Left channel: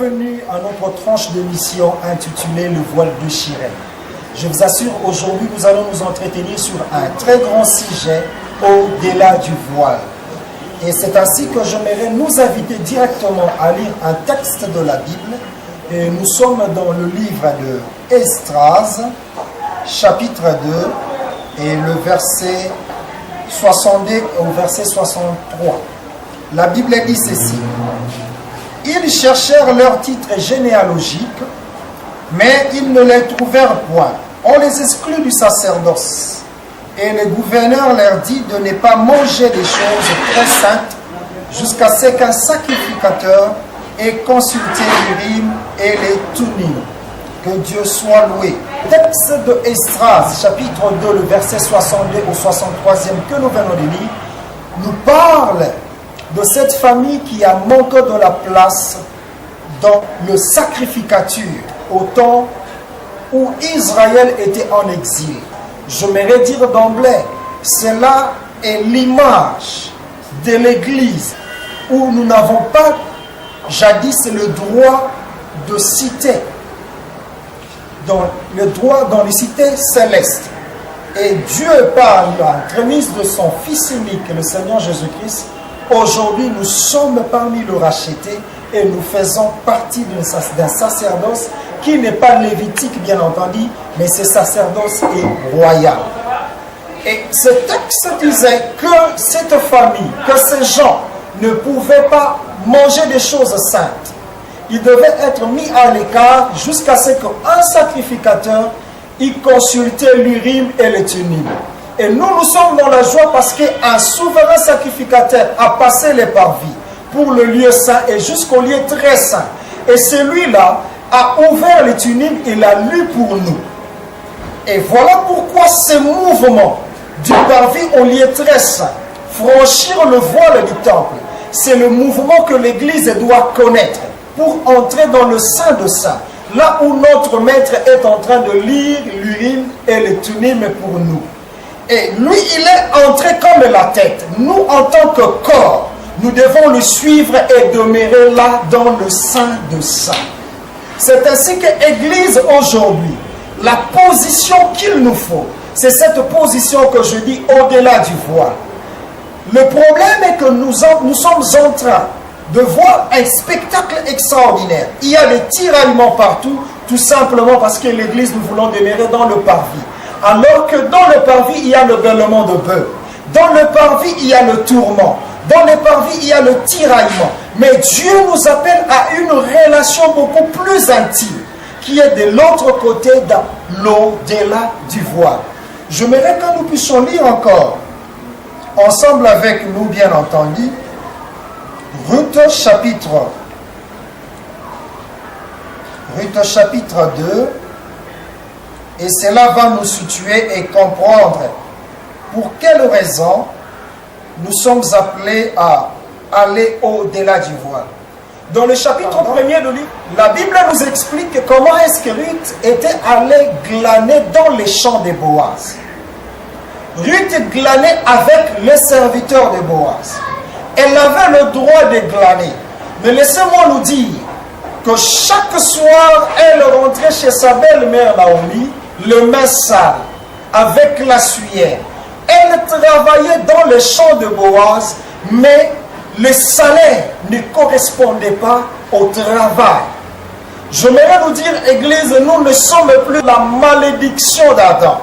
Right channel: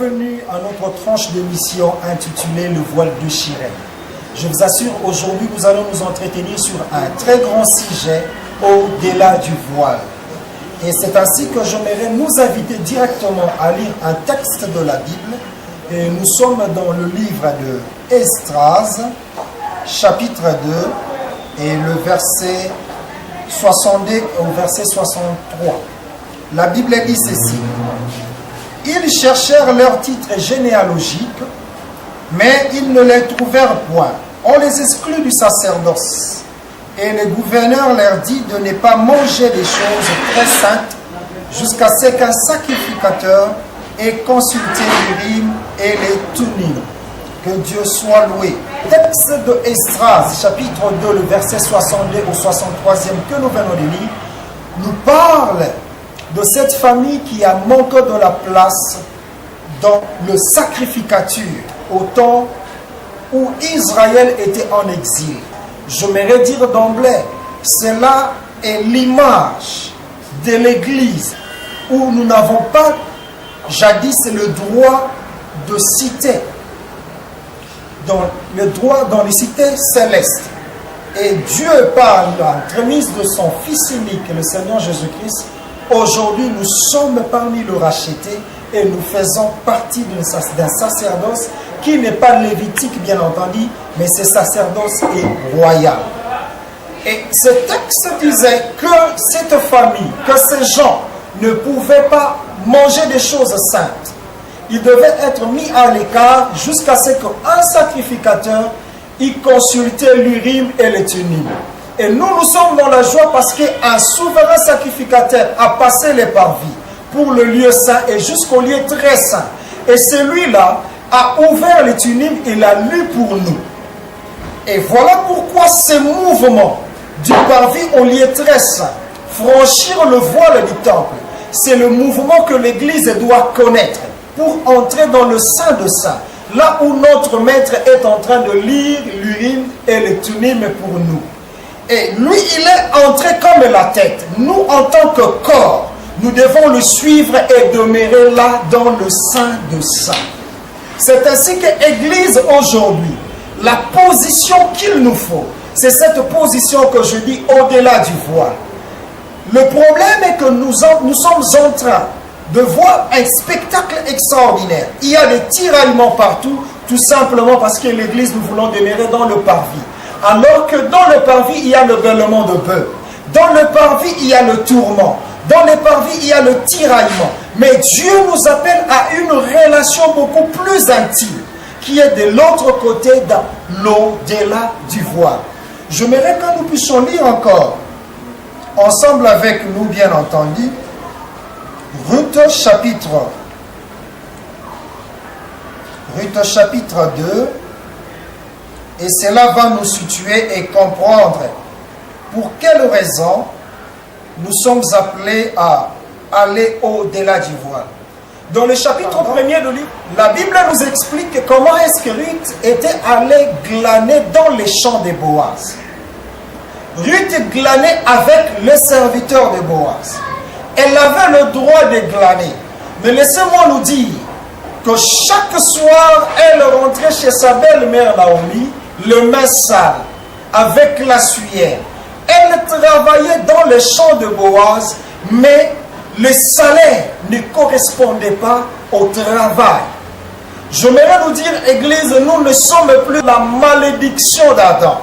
bienvenue à notre tranche d'émission intitulée Le voile déchiré. Je vous assure, aujourd'hui nous allons nous entretenir sur un très grand sujet au-delà du voile. Et c'est ainsi que j'aimerais nous inviter directement à lire un texte de la Bible. Et nous sommes dans le livre de Esdras, chapitre 2, et le verset 62 au verset 63. La Bible dit ceci. Ils cherchèrent leur titre généalogique, mais ils ne les trouvèrent point. On les exclut du sacerdoce. Et le gouverneur leur dit de ne pas manger des choses très saintes jusqu'à ce qu'un sacrificateur ait consulté l'Urim et les Thummim. Que Dieu soit loué. Le texte de Esdras, chapitre 2, le verset 62 au 63e que nous venons de lire, nous parle de cette famille qui a manqué de la place dans le sacrificature au temps où Israël était en exil. J'aimerais dire d'emblée, cela est l'image de l'Église où nous n'avons pas jadis le droit de citer, le droit dans les cités célestes. Et Dieu, par l'entremise de son Fils unique, le Seigneur Jésus-Christ, aujourd'hui, nous sommes parmi les rachetés et nous faisons partie d'un sacerdoce qui n'est pas lévitique, bien entendu, mais ce sacerdoce est royal. Et ce texte disait que cette famille, que ces gens ne pouvaient pas manger des choses saintes. Ils devaient être mis à l'écart jusqu'à ce qu'un sacrificateur y consultait l'Urim et le Thummim. Et nous sommes dans la joie parce qu'un souverain sacrificateur a passé les parvis pour le lieu saint et jusqu'au lieu très saint. Et celui-là a ouvert les Thummim, il a lu pour nous. Et voilà pourquoi ce mouvement du parvis au lieu très saint, franchir le voile du temple, c'est le mouvement que l'Église doit connaître pour entrer dans le Saint de Saints, là où notre Maître est en train de lire l'Urim et le Thummim pour nous. Et lui, il est entré comme la tête. Nous, en tant que corps, nous devons le suivre et demeurer là dans le Saint de Saints. C'est ainsi que l'Église aujourd'hui, la position qu'il nous faut, c'est cette position que je dis au-delà du voile. Le problème est que nous sommes en train de voir un spectacle extraordinaire. Il y a des tiraillements partout, tout simplement parce que l'Église, nous voulons demeurer dans le parvis. Alors que dans le parvis, il y a le bêlement de bœuf. Dans le parvis, il y a le tourment. Dans le parvis, il y a le tiraillement. Mais Dieu nous appelle à une relation beaucoup plus intime, qui est de l'autre côté, dans l'au-delà du voile. J'aimerais que nous puissions lire encore, ensemble avec nous, bien entendu, Ruth chapitre 2, et cela va nous situer et comprendre pour quelle raison nous sommes appelés à aller au-delà du voile. Dans le chapitre 1er de livre, la Bible nous explique comment est-ce que Ruth était allée glaner dans les champs de Boaz. Ruth glanait avec les serviteurs de Boaz. Elle avait le droit de glaner. Mais laissez-moi nous dire que chaque soir, elle rentrait chez sa belle-mère Naomi, le main sale, avec la sueur. Elle travaillait dans les champs de Boaz, mais le salaire ne correspondait pas au travail. J'aimerais nous dire, Église, nous ne sommes plus la malédiction d'Adam,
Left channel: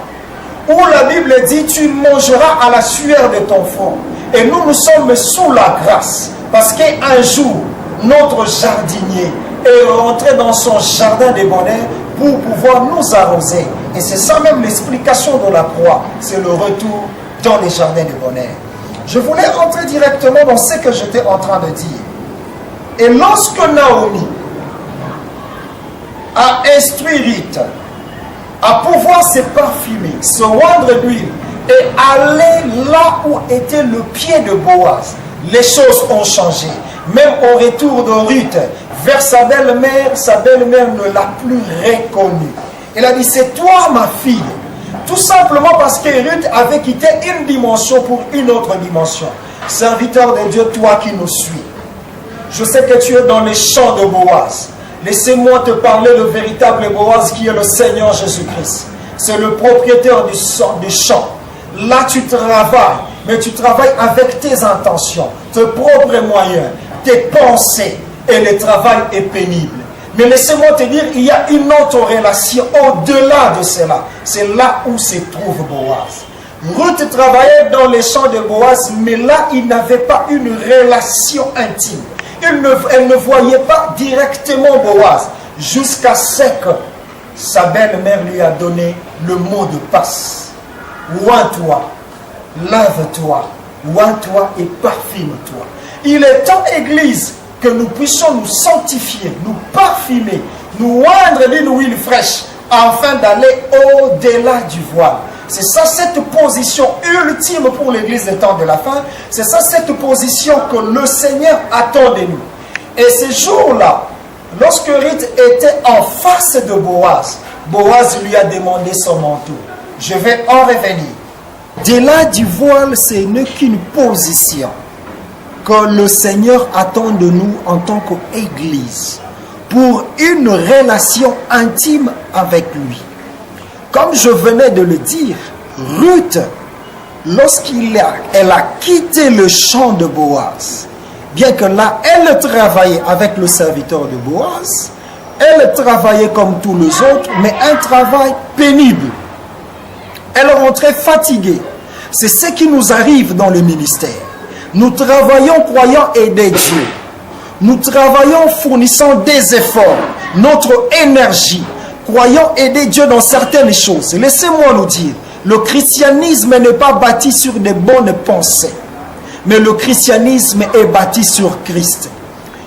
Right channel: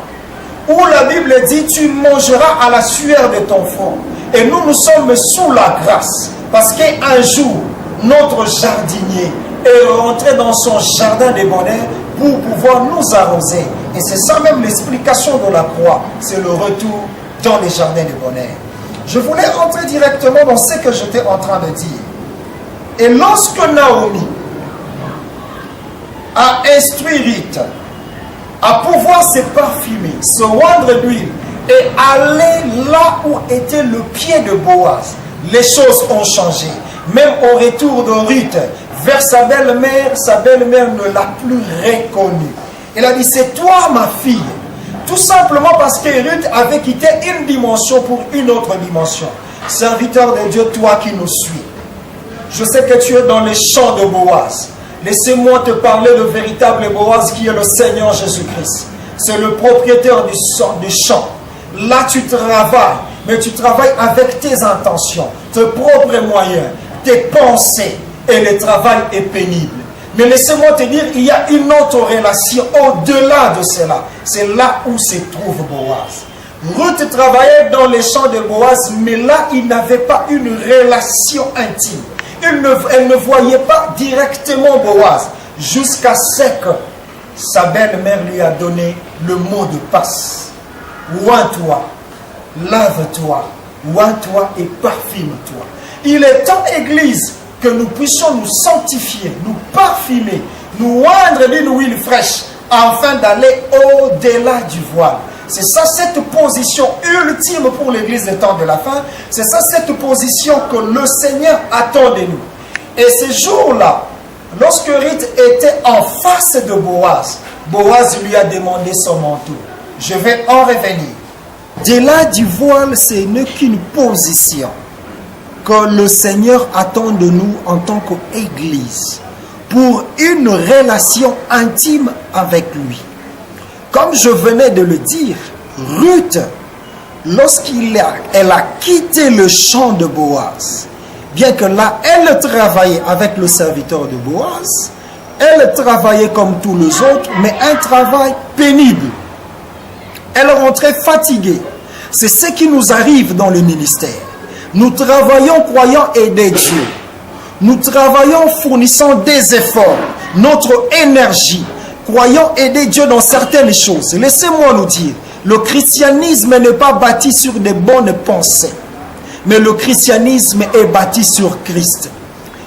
où la Bible dit, tu mangeras à la sueur de ton front. Et nous sommes sous la grâce, parce qu'un jour, notre jardinier est rentré dans son jardin de bonheur pour pouvoir nous arroser. Et c'est ça même l'explication de la croix, c'est le retour dans les jardins de bonheur. Je voulais entrer directement dans ce que j'étais en train de dire. Et lorsque Naomi a instruit Ruth à pouvoir se parfumer, se rendre d'huile et aller là où était le pied de Boaz, les choses ont changé. Même au retour de Ruth vers sa belle-mère ne l'a plus reconnue. Elle a dit, c'est toi ma fille. Tout simplement parce que Ruth avait quitté une dimension pour une autre dimension. Serviteur de Dieu, toi qui nous suis, je sais que tu es dans les champs de Boaz. Laissez-moi te parler le véritable Boaz qui est le Seigneur Jésus-Christ. C'est le propriétaire du champ. Là, tu travailles, mais tu travailles avec tes intentions, tes propres moyens, tes pensées, et le travail est pénible. Mais laissez-moi te dire, il y a une autre relation au-delà de cela. C'est là où se trouve Boaz. Ruth travaillait dans les champs de Boaz, mais là, il n'avait pas une relation intime. Elle ne voyait pas directement Boaz, jusqu'à ce que sa belle-mère lui a donné le mot de passe. Oins-toi, lave-toi, oins-toi et parfume-toi. Il est temps, Église, que nous puissions nous sanctifier, nous parfumer, nous oindre d'une huile fraîche, afin d'aller au-delà du voile. C'est ça cette position ultime pour l'Église des temps de la fin. C'est ça cette position que le Seigneur attend de nous. Et ce jour-là, lorsque Ruth était en face de Boaz, Boaz lui a demandé son manteau. Je vais en revenir. Au-delà du voile, ce n'est qu'une position que le Seigneur attend de nous en tant qu'Église pour une relation intime avec lui. Comme je venais de le dire, Ruth, lorsqu'elle a quitté le champ de Boaz, bien que là, elle travaillait avec le serviteur de Boaz, elle travaillait comme tous les autres, mais un travail pénible. Elle rentrait fatiguée. C'est ce qui nous arrive dans le ministère. Nous travaillons croyant aider Dieu. Nous travaillons fournissant des efforts, notre énergie, croyant aider Dieu dans certaines choses. Laissez-moi nous dire, le christianisme n'est pas bâti sur des bonnes pensées, mais le christianisme est bâti sur Christ.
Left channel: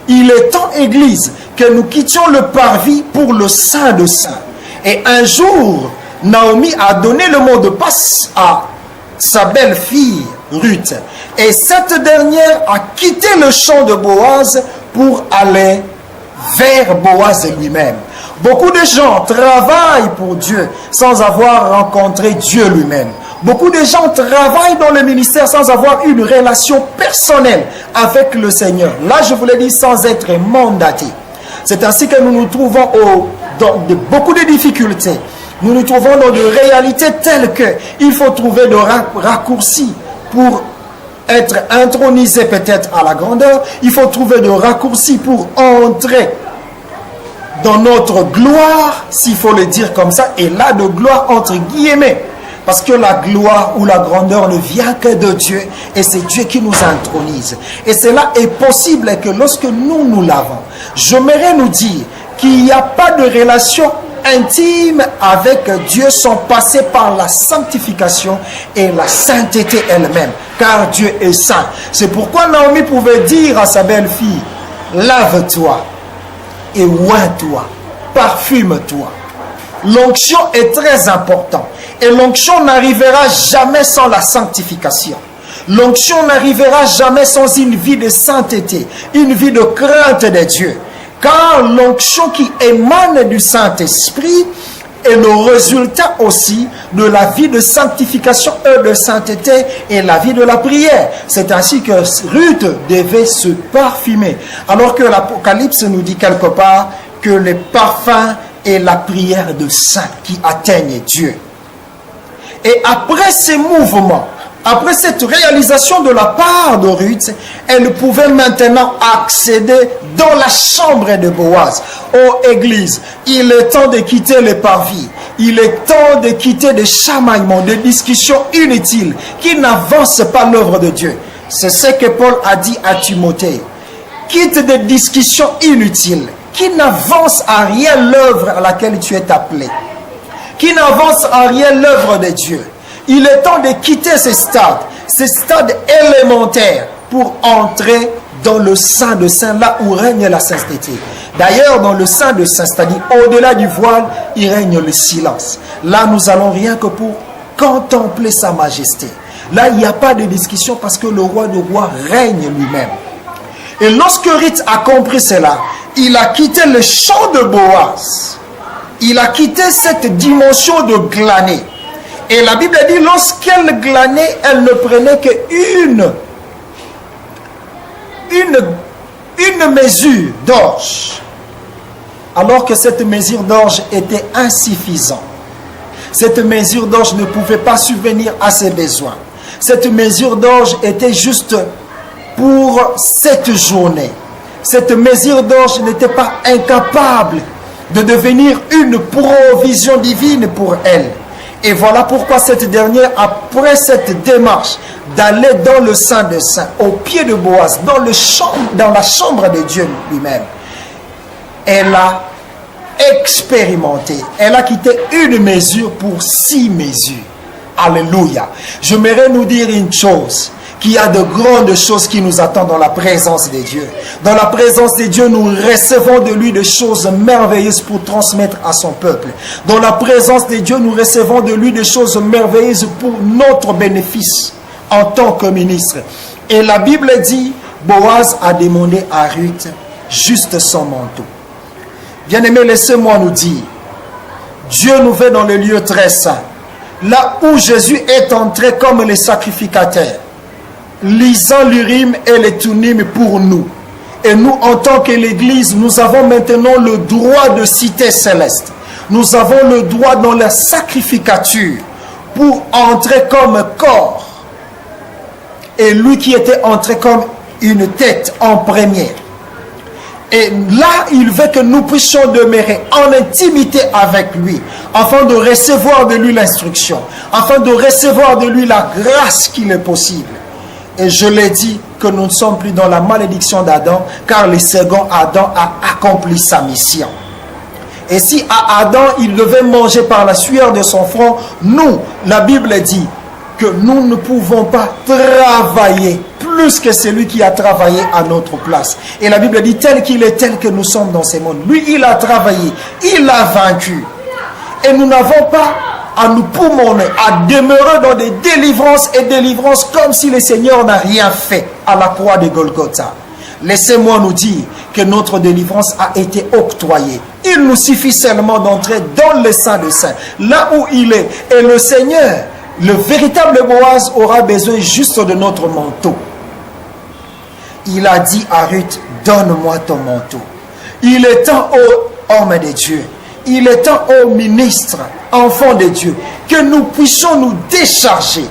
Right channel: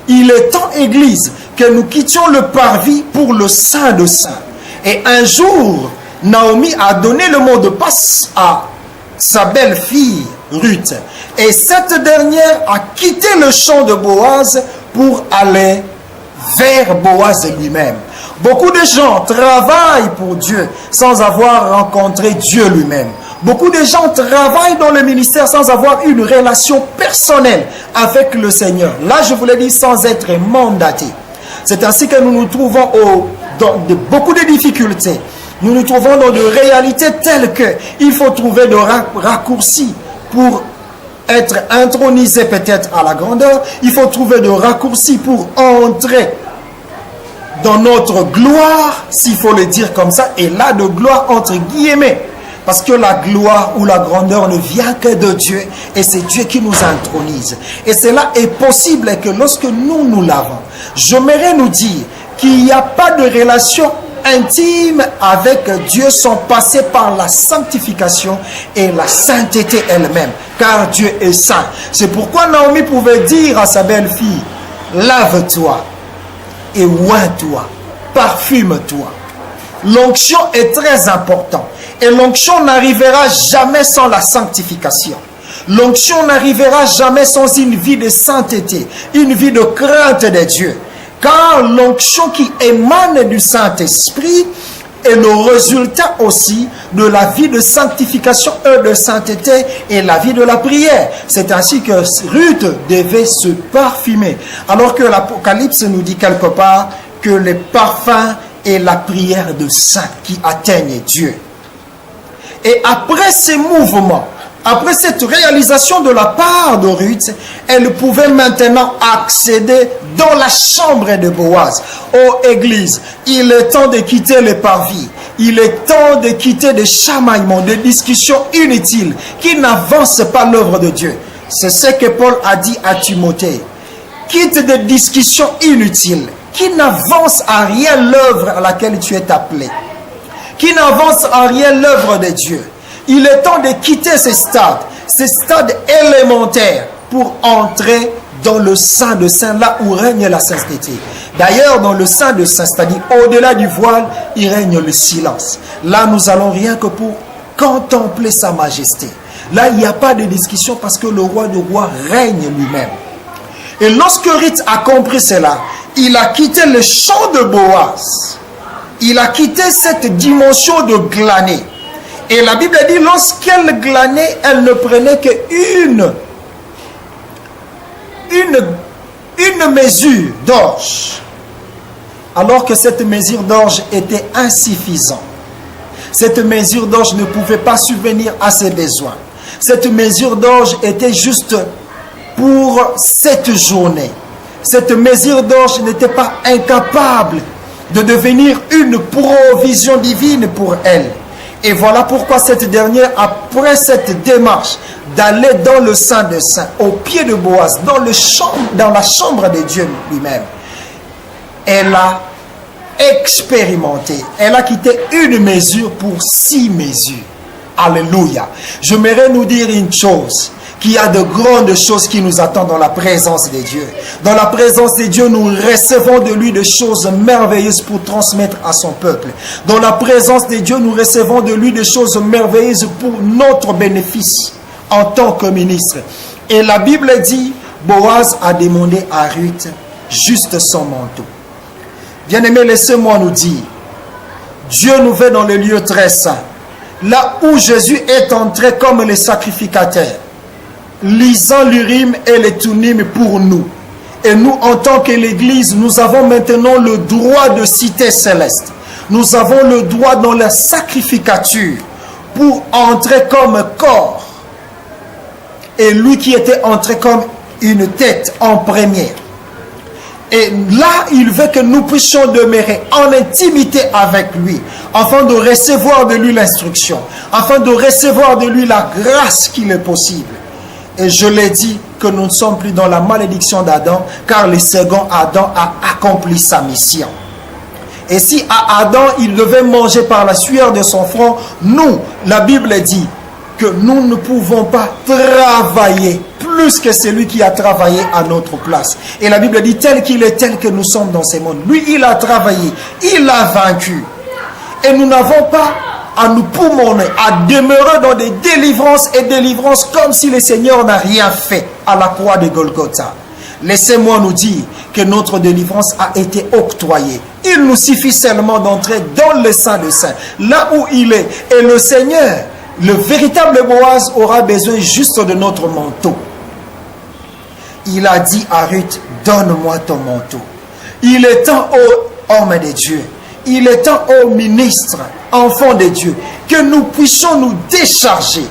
Il est temps, Église, que nous quittions le parvis pour le Saint de Saints. Et un jour, Naomi a donné le mot de passe à sa belle-fille Ruth. Et cette dernière a quitté le champ de Boaz pour aller vers Boaz lui-même. Beaucoup de gens travaillent pour Dieu sans avoir rencontré Dieu lui-même. Beaucoup de gens travaillent dans le ministère sans avoir une relation personnelle avec le Seigneur. Là, je vous l'ai dit, sans être mandaté. C'est ainsi que nous nous trouvons dans beaucoup de difficultés. Nous nous trouvons dans des réalités telles que il faut trouver des raccourcis pour être intronisé peut-être à la grandeur. Il faut trouver des raccourcis pour entrer dans notre gloire, s'il faut le dire comme ça, et là de gloire entre guillemets. Parce que la gloire ou la grandeur ne vient que de Dieu, et c'est Dieu qui nous intronise. Et cela est possible que lorsque nous l'avons. J'aimerais nous dire qu'il n'y a pas de relation intime avec Dieu sans passer par la sanctification et la sainteté elle-même, car Dieu est saint. C'est pourquoi Naomi pouvait dire à sa belle-fille, lave-toi et oins-toi, parfume-toi. L'onction est très importante et l'onction n'arrivera jamais sans la sanctification. L'onction n'arrivera jamais sans une vie de sainteté, une vie de crainte de Dieu. Car l'onction qui émane du Saint-Esprit est le résultat aussi de la vie de sanctification et de sainteté et la vie de la prière. C'est ainsi que Ruth devait se parfumer. Alors que l'Apocalypse nous dit quelque part que les parfums et la prière de saints qui atteignent Dieu. Et après ces mouvements, après cette réalisation de la part de Ruth, elle pouvait maintenant accéder dans la chambre de Boaz. Oh Église, il est temps de quitter les parvis. Il est temps de quitter des chamaillements, des discussions inutiles qui n'avancent pas l'œuvre de Dieu. C'est ce que Paul a dit à Timothée. Quitte des discussions inutiles qui n'avancent à rien l'œuvre à laquelle tu es appelé, qui n'avancent à rien l'œuvre de Dieu. Il est temps de quitter ces stades élémentaires pour entrer dans le Saint de Saints, là où règne la sainteté. D'ailleurs, dans le Saint de Saints, c'est-à-dire au-delà du voile, il règne le silence. Là, nous allons rien que pour contempler sa majesté. Là, il n'y a pas de discussion parce que le roi de rois règne lui-même. Et lorsque Ruth a compris cela, il a quitté le champ de Boaz. Il a quitté cette dimension de glaner. Et la Bible dit, lorsqu'elle glanait, elle ne prenait qu'une mesure d'orge. alors que cette mesure d'orge était insuffisante. Cette mesure d'orge ne pouvait pas subvenir à ses besoins. Cette mesure d'orge était juste pour cette journée. Cette mesure d'orge n'était pas incapable de devenir une provision divine pour elle. Et voilà pourquoi cette dernière, après cette démarche d'aller dans le Saint des Saints, au pied de Boaz, dans la chambre de Dieu lui-même, elle a expérimenté, elle a quitté une mesure pour 6 mesures. Alléluia. J'aimerais nous dire une chose, qu'il y a de grandes choses qui nous attendent dans la présence de Dieu. Dans la présence de Dieu, nous recevons de lui des choses merveilleuses pour transmettre à son peuple. Dans la présence de Dieu, nous recevons de lui des choses merveilleuses pour notre bénéfice en tant que ministre. Et la Bible dit, Boaz a demandé à Ruth juste son manteau. Bien-aimés, laissez-moi nous dire, Dieu nous fait dans le lieu très saint, là où Jésus est entré comme le sacrificateur, lisant l'Urim et les Thummim pour nous. Et nous, en tant que l'Église, nous avons maintenant le droit de cité céleste. Nous avons le droit dans la sacrificature pour entrer comme corps. Et lui qui était entré comme une tête en première. Et là, il veut que nous puissions demeurer en intimité avec lui, afin de recevoir de lui l'instruction, afin de recevoir de lui la grâce qu'il est possible. Et je l'ai dit que nous ne sommes plus dans la malédiction d'Adam, car le second Adam a accompli sa mission. Et si à Adam, il devait manger par la sueur de son front, nous, la Bible dit que nous ne pouvons pas travailler plus que celui qui a travaillé à notre place. Et la Bible dit tel qu'il est, tel que nous sommes dans ce monde. Lui, il a travaillé, il a vaincu. Et nous n'avons pas à nous poumonner, à demeurer dans des délivrances et délivrances comme si le Seigneur n'a rien fait à la croix de Golgotha. Laissez-moi nous dire que notre délivrance a été octroyée. Il nous suffit seulement d'entrer dans le Saint des Saints, là où il est. Et le Seigneur, le véritable Boaz, aura besoin juste de notre manteau. Il a dit à Ruth, donne-moi ton manteau. Il est temps, ô homme de Dieu, il est temps, ô ministre, enfant de Dieu, que nous puissions nous décharger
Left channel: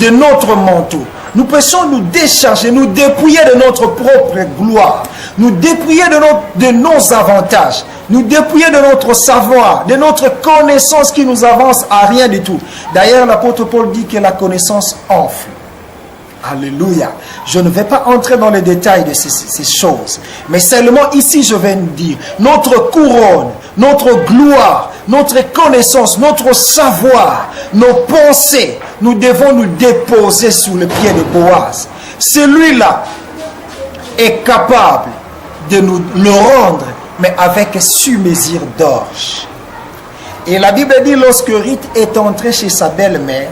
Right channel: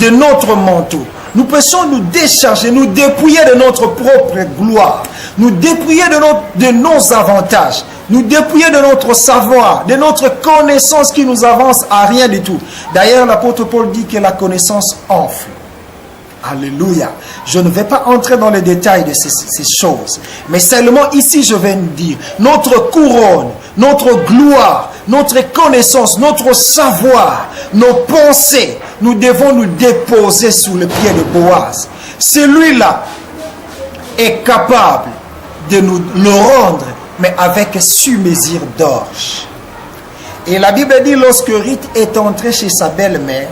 de notre manteau. Nous puissions nous décharger, nous dépouiller de notre propre gloire, nous dépouiller de nos avantages, nous dépouiller de notre savoir, de notre connaissance qui nous avance à rien du tout. D'ailleurs, l'apôtre Paul dit que la connaissance enfle. Alléluia. Je ne vais pas entrer dans les détails de ces choses. Mais seulement ici, je vais nous dire, notre couronne, notre gloire, notre connaissance, notre savoir, nos pensées, nous devons nous déposer sous le pied de Boaz. Celui-là est capable de nous le rendre, mais avec sur-mesure d'orge. Et la Bible dit, lorsque Ruth est entrée chez sa belle-mère,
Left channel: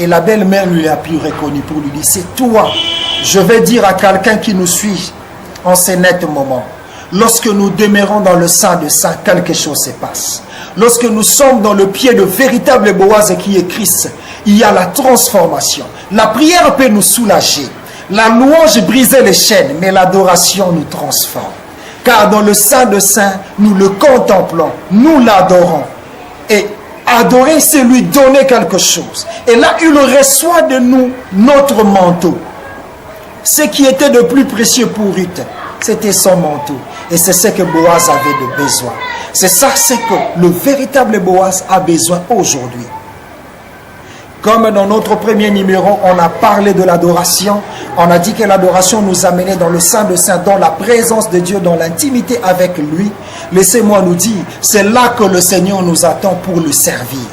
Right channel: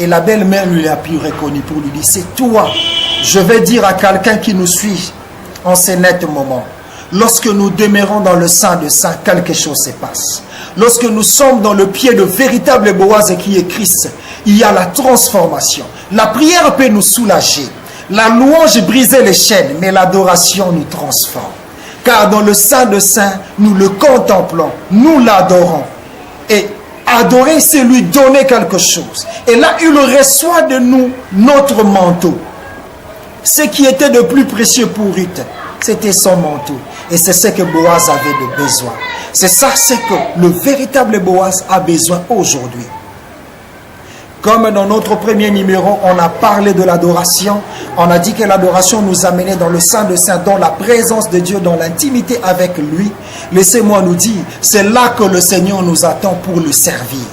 et la belle-mère ne l'a plus reconnu pour lui dire, c'est toi. Je vais dire à quelqu'un qui nous suit en ce net moment. Lorsque nous demeurons dans le Saint des Saints, quelque chose se passe. Lorsque nous sommes dans le pied de véritable Boaz qui est Christ, il y a la transformation. La prière peut nous soulager. La louange briser les chaînes, mais l'adoration nous transforme. Car dans le Saint des Saints, nous le contemplons, nous l'adorons. Et adorer, c'est lui donner quelque chose. Et là, il reçoit de nous notre manteau. Ce qui était de plus précieux pour Ruth, c'était son manteau. Et c'est ce que Boaz avait de besoin. C'est ça, c'est que le véritable Boaz a besoin aujourd'hui. Comme dans notre premier numéro, on a parlé de l'adoration. On a dit que l'adoration nous amenait dans le Saint des Saints, dans la présence de Dieu, dans l'intimité avec lui. Laissez-moi nous dire, c'est là que le Seigneur nous attend pour le servir.